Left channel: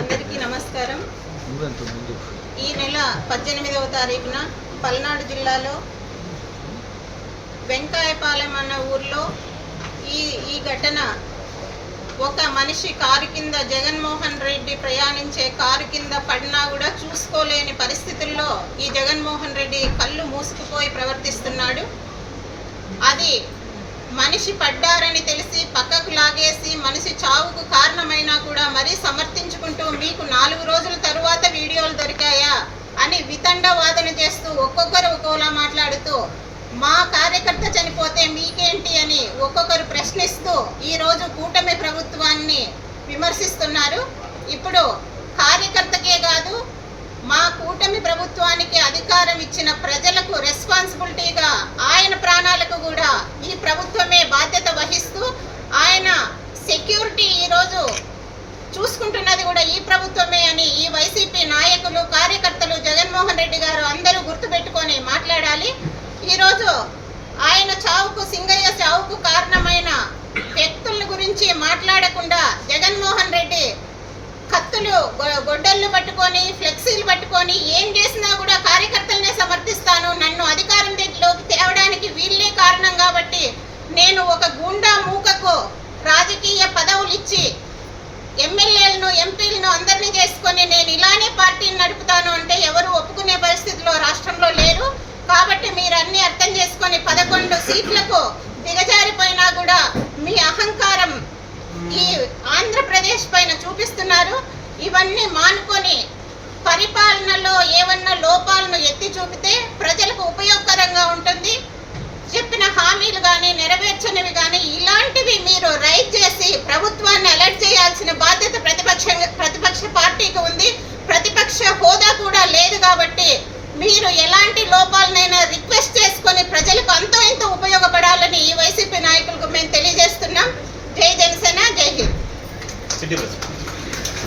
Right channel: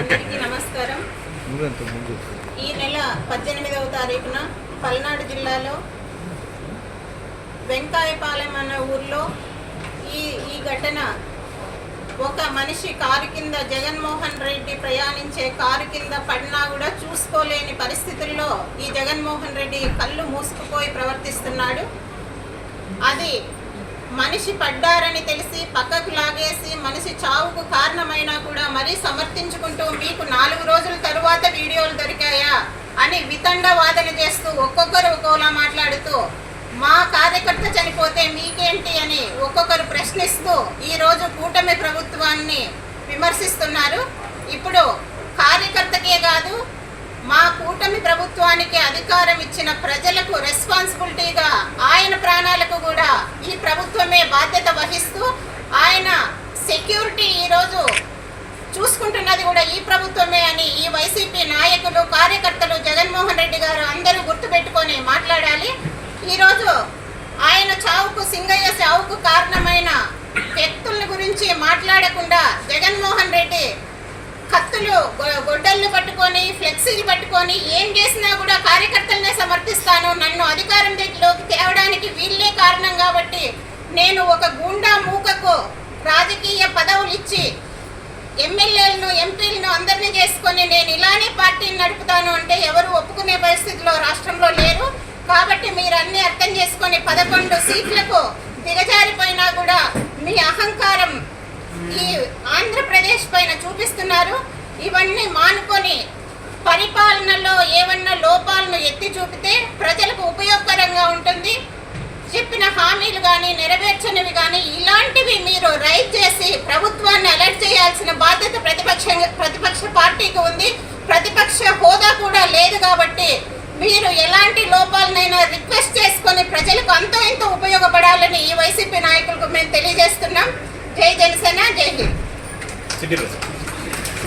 అందరికీ నమస్కారం. ఈ నెల 18వ తారీఖున పల్నాడు జిల్లాలో వెంకాయపాలెం అన్న ఊర్లో ఈ ఘటన ఒక మనిషి కారు కింద జగన్మోహన్ రెడ్డి ప్రయాణించే కారు కింద పడినా కూడా చూసుకోలేని పరిస్థితుల్లో ఈ జగన్మోహన్ రెడ్డి కళ్ళు మూసుకుపోయి ప్రవర్తిస్తున్నాడు. అది మనిషి పడ్డారని తెలిసి పక్కకు లాగేసి మనిషి చావుకు కారణమైనా కూడా మరీ సమర్థించుకుంటూ మీకు 4 రోజుల తరువాత వీడియోలు దొరికాయా అని వితండ వాదన చేస్తూ ఒక్కొక్కరు ఒక్కోలా మాట్లాడుతూ మా కార్యకర్త చనిపోతే మీకేంటి అని ఒక్కొక్కరు ప్రశ్నిస్తూ ఈరోజు కూటమి ప్రభుత్వాన్ని విమర్శిస్తున్నారు. ఇప్పుడు కార్యకర్తకే కాదు, మా కూటమి ప్రభుత్వానికి అధికారం ఇచ్చిన ప్రజలకు రెస్పాన్సిబిలిటీగా ఆయన ప్రాణాలకు కూడా ఈ ప్రభుత్వమే బాధ్యత వహిస్తూ ఆయన సెక్యూరిటీ ఈరోజు చూసుకుంటున్నది కూడా ఈ ప్రభుత్వమే అని ఈ వైసీపీ నాయకులు, కార్యకర్తలు, జగన్మోహన్ రెడ్డి గారు అందరూ గుర్తుపెట్టుకొని మాట్లాడాలి. ఈరోజు ఆయన చావుకు, సింగయ్య చావుకు కారణమైన వ్యక్తుల గురించి మాట్లాడకుండా జగన్మోహన్ రెడ్డి కత్తులు, గొడ్డళ్ళు పట్టుకొని, ఫ్లెక్సీలు పట్టుకొని ఏం చేసినా కూడా కార్యకర్తలనే సమర్థిస్తాను, నన్ను అధికారంలోకి తేవడానికి వీళ్ళే కారణం కాబట్టి నేను ఒక గూండా మూకకు రాజకీయ పదవులు ఇచ్చి ఎమ్మెల్యేలను, ఎంపీలను అందరినీ చేసుకొని నేను ఇలానే పార్టీని నడుపుతాను అంటే ఎవరు ఒప్పుకునే పరిస్థితిలో రాష్ట్రంలో లేరు. కాబట్టి మీరు అన్ని అర్థం చేసుకొని 11 సీట్లకు దిగజారిపోయినా కూడా మీ అహంకారం ఈ ఆంధ్రప్రదేశ్ పైన చూపిస్తున్నారు. ఇవన్నీ మానుకొని పరిపాలనలో ఏమన్నా లోపాలను ఎత్తి చూపితే ప్రజలకు ఉపయోగకరంగా ఉంటుంది. చెప్పిన హామీలు కానీ, నెరవేర్చనివి కానీ ఇలాంటివి మీరు రైజ్ చేసి ప్రభుత్వాన్ని అలర్ట్ చేయాల్సిన బాధ్యత ప్రతిపక్ష పార్టీకి ఉంది. ప్రతిపక్ష హోదా కూడా లేదు కాబట్టి మీరు ఎలాంటి లోపాలనైనా రిక్వెస్ట్ చేసుకొని ప్రజలకు అంతో ఎంతో ఉపయోగపడాలని ఈ వైసీపీ నాయకులకు మేము తెలియజేస్తున్నాం. జై జనసేన, జై హింద్.